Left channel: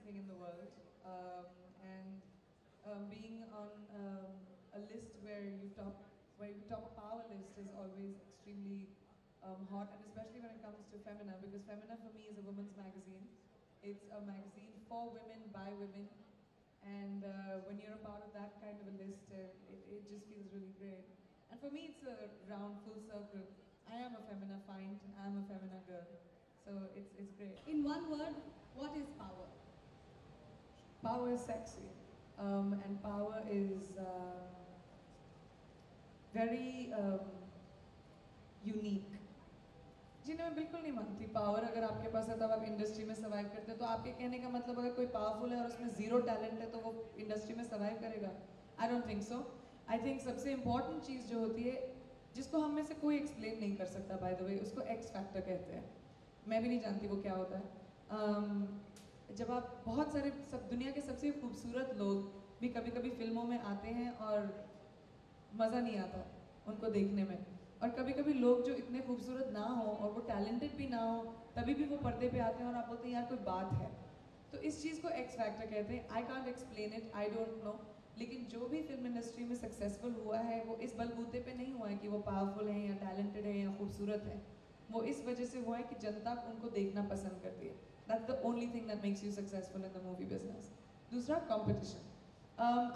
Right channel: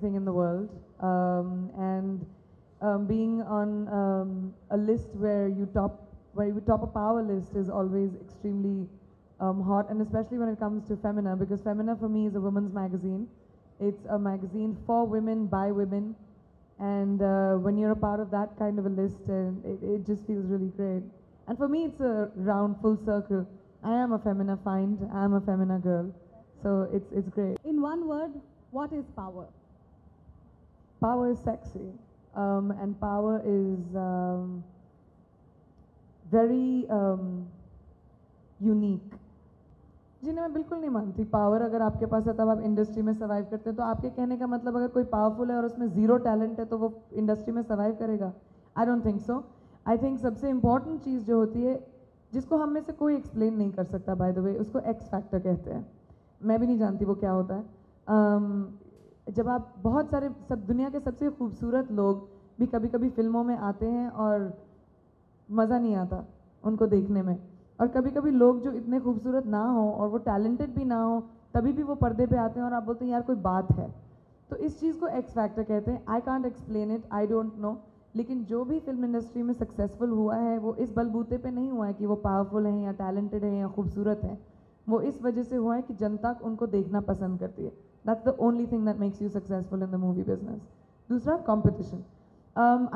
thing in the world, and being on a list where you top a power list is always extremely hot, and especially when it comes to Femina, because Femina for me is a women's magazine. It's a magazine for women by women, and when you're a part of that kind of a list, it just feels really great. And for me, it's a round, full circle. I am a Femina find. I am a Femina girl, so it's great. In one word, what is power? Power is sexy, and power is very unique. जी मैं बिल्कुल नहीं मानती power अगर आपके पास है तब आप इंडस्ट्री में सर्वाइव करते हैं। तो आपके कहने का मतलब अगर कोई पावरफुल है और उसमें ज़ीरो टैलेंट है तो वो इंडस्ट्री में सर्वाइव करेगा? I don't think so. I think सबसे इम्पॉर्टेंट चीज़ जो होती है जिसको हम में से कोई एक्सप्लेन नहीं कर सकता, बाय द वे, उसको एक्स फैक्टर कहते हैं। मैं भी नहीं जानती वो क्या होता है। जब आप बहुत सारे सब दुनिया के सबसे खूबसूरत लोग भी कभी कभी फिल्मों में आते हैं और मज़ा नहीं आता उनको देखने में, और कभी कभी लोग जो इतने खूबसूरत ना हो और वो टैलेंटेड भी ना हो तभी भी वो पर्दे पे आते हैं और आप बोलते हैं यार कोई बात है। तो इस चीज़ को एक्स फैक्टर कहते हैं। I can't explain it, I don't know, लेकिन जो भी फिल्म इंडस्ट्री में सक्सेसफुल हुआ है वो इस बलबूते पे नहीं हुआ है कि वो पावरफुल हैं या टैलेंटेड हैं या खूबसूरत हैं। वो इस वजह से हुआ है कि जनता उनको देखना पसंद करती है। That's the only thing that makes you successful in the movie business. दूसरा, competition.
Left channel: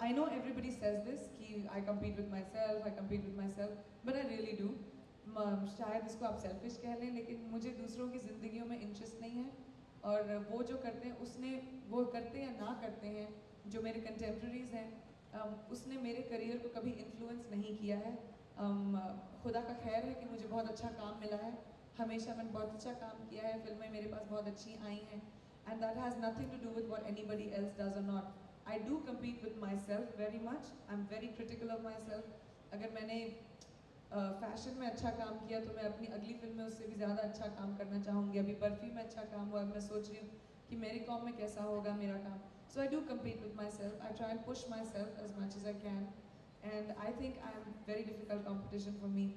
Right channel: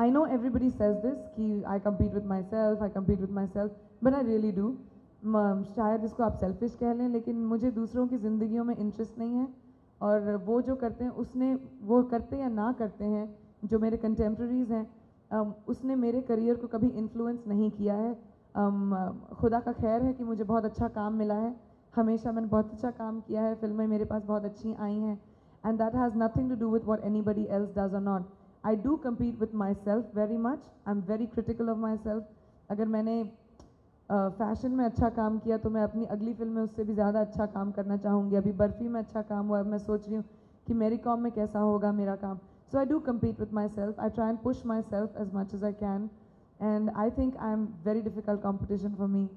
I know everybody says this कि I compete with myself, but I really do. शायद इसको आप सेल्फिश कह लें, लेकिन मुझे दूसरों की ज़िंदगियों में इंटरेस्ट नहीं है, और वो जो करते हैं वो करते या ना करते हैं, जो मेरे कंटेम्प्रेरीज हैं उसने मेरे करियर को कभी इन्फ्लुएंस नहीं किया है। खुदा का खैर है कि मुझे बहुत अच्छा काम मिला है, हमेशा मैंने बहुत अच्छा काम किया है, फिल्में मेरे पास बहुत अच्छी आई हैं, and that has nothing to do with what anybody else does और not. I do compete with myself very much, I am very critical of myself. अगर मैंने फैशन में अच्छा काम किया तो मैं अपनी अगली फिल्म में उससे भी ज़्यादा अच्छा काम करना चाहूँगी। अभी बर्फ़ी में अच्छा काम हुआ, मैं सोच रही हूँ कि मेरी कॉम में कैसा होगा मेरा काम। So I do compete with myself, I try and push myself as much as I can, and I think I am very difficult competition for me.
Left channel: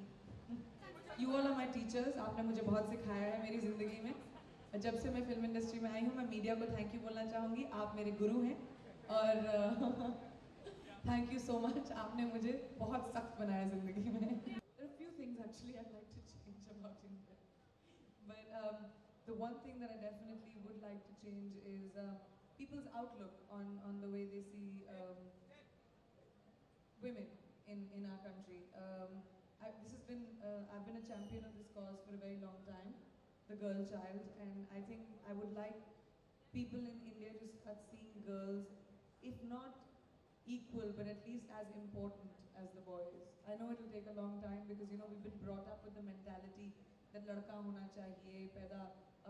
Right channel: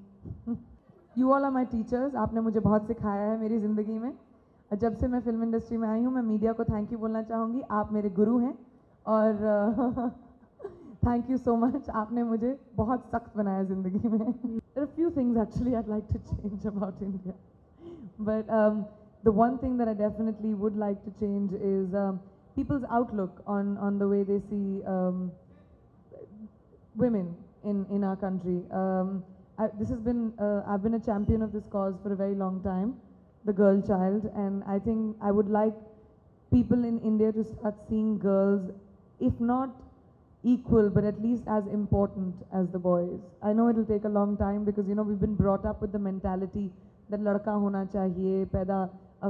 You all are my teachers, आपने मुझे बहुत सिखाया है मेरी ज़िंदगी में। जब से मैं फिल्म इंडस्ट्री में आई हूँ मैं मीडिया को थैंक यू बोलना चाहूँगी, आप मेरे गुरु हैं, और थैंक यू सो मच, आपने मुझे बहुत सख्त बनाया ज़िंदगी में। There are a few things actually I'd like to change about India, but the one thing that I definitely would like to change is people's outlook on the way they see women in our country. I've been a champion of this cause for a very long time, the girl child, and I think I would like people in India to start seeing girls, if not equal, but at least as important as the boys. I know it will take a long time because we've been brought up with the mentality that लड़का होना चाहिए, पैदा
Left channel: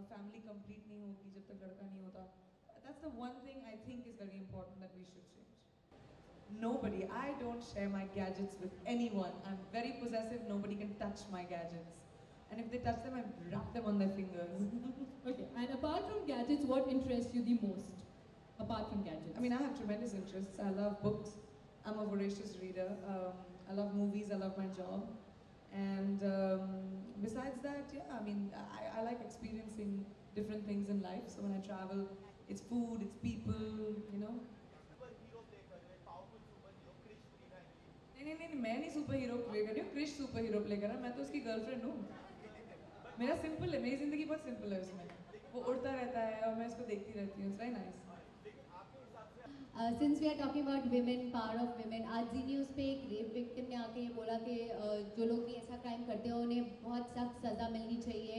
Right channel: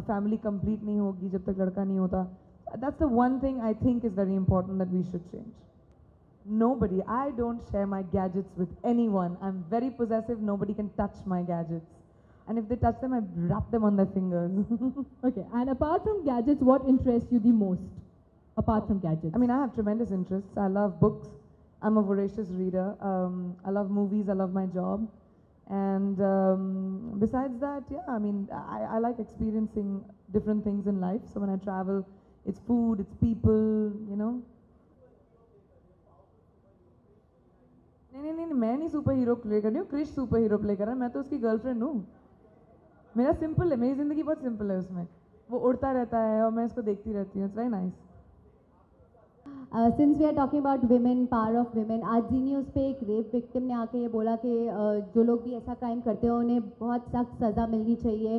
family complete नहीं होगी जब तक लड़का नहीं होता. That's the one thing I think is very important that we should change. Nobody, I don't share my gadgets with anyone. I'm very possessive, nobody can touch my gadgets. And if they touch them, I wrap them on their fingers. Okay, and apart from gadgets, what interests you the most? Apart from gadgets. I mean, I have tremendous interests. I love books. I'm a voracious reader. I love movies. I love my job. And besides that, yeah, I mean, I like experiencing different things in life. So when I travel, it's food, it's people, नहीं, मैं नहीं super hero play कर रही हूँ, Krrish super hero play कर रहा है, मैं तो उसकी गर्लफ्रेंड हूँ। मेरा सिंपल है, मेरी ज़िंदगी बहुत सिंपल है, उसमें वो उड़ता रहता है और मैं उसको देखती रहती हूँ। It's very nice. Since we are talking about women, power of women, आज जी न्यूज़ पे एक रेप विक्टिम ने आके ये बोला कि जो लोग भी ऐसा क्राइम करते हैं उन्हें बहुत सख्त सज़ा मिलनी चाहिए।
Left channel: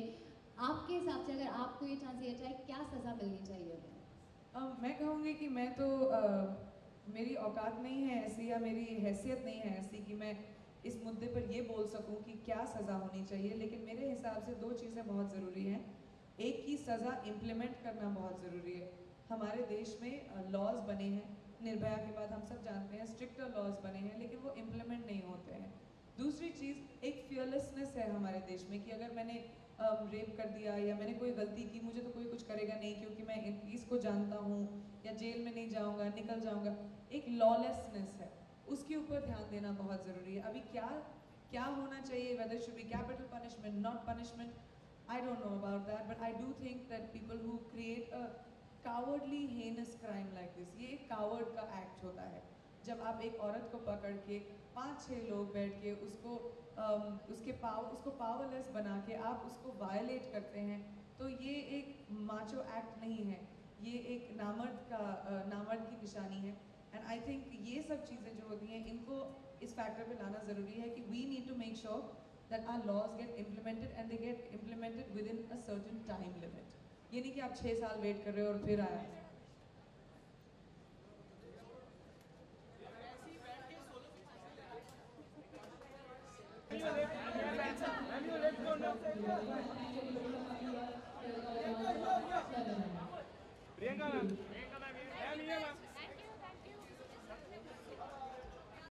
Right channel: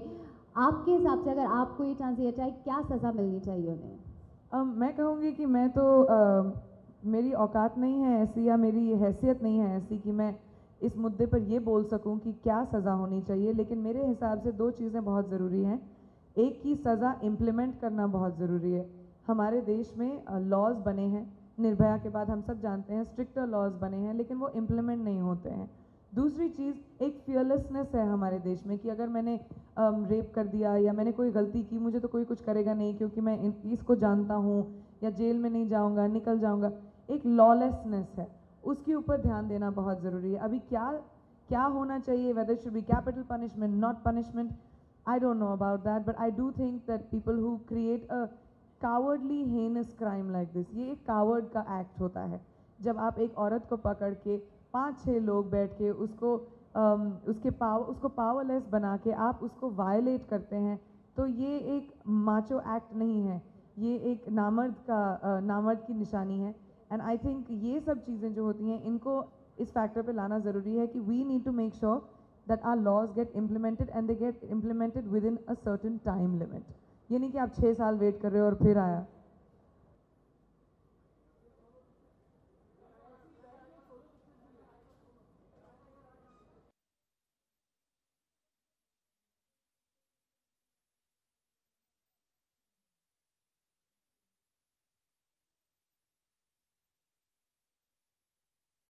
आपके हिसाब से अगर आपको ये चांस दिया जाए, क्या सज़ा मिलनी चाहिए उन्हें? मैं कहूँगी कि मैं तो मेरी औकात नहीं है ऐसी, या मेरी हैसियत नहीं है ऐसी कि मैं इस मुद्दे पर ये बोल सकूं कि क्या सज़ा होनी चाहिए, लेकिन मेरे हिसाब से दो चीज़ें बहुत ज़रूरी हैं। एक की सज़ा इम्प्लीमेंट करना बहुत ज़रूरी है। हमारे देश में लॉज बने हैं, निर्भया के बाद हम सब जानते हैं स्ट्रिक्टर लॉज बने हैं, लेकिन वो इम्प्लीमेंट नहीं होते हैं। दूसरी चीज़, एक फियरलेसनेस है हमारे देश में कि अगर मैंने रेप कर दिया या मैंने कोई गलती की, मुझे तो कोई कुछ करेगा नहीं क्योंकि मैं इसको जानता हूँ, या जेल में नहीं जाऊँगा, निकल जाऊँगा। एक लॉलेसनेस है, उसके ऊपर ध्यान देना बहुत ज़रूरी है। अभी क्या होना चाहिए, weather should be capital punishment, not punishment, I don't know about that, but I do think that people who create a cowardly heinous crime like this, ये एक कावर्ड का एक्ट होता है जब आप एक औरत को पकड़ के 5-6 लोग बैठ के उसको उसको पावरलेस बना के आप उसको वायलेट करते हैं, तो ये एक माचो एक्ट नहीं है, ये एक नामर्द की निशानी है। एंड आई थिंक ये सब चीज़ें जो होती हैं इनको इस फैक्टर पे लाना ज़रूरी है कि we need to make sure that our laws get implemented and they get implemented within a certain time limit. ये नहीं कि आप 6 साल वेट कर रहे हो और फिर आया।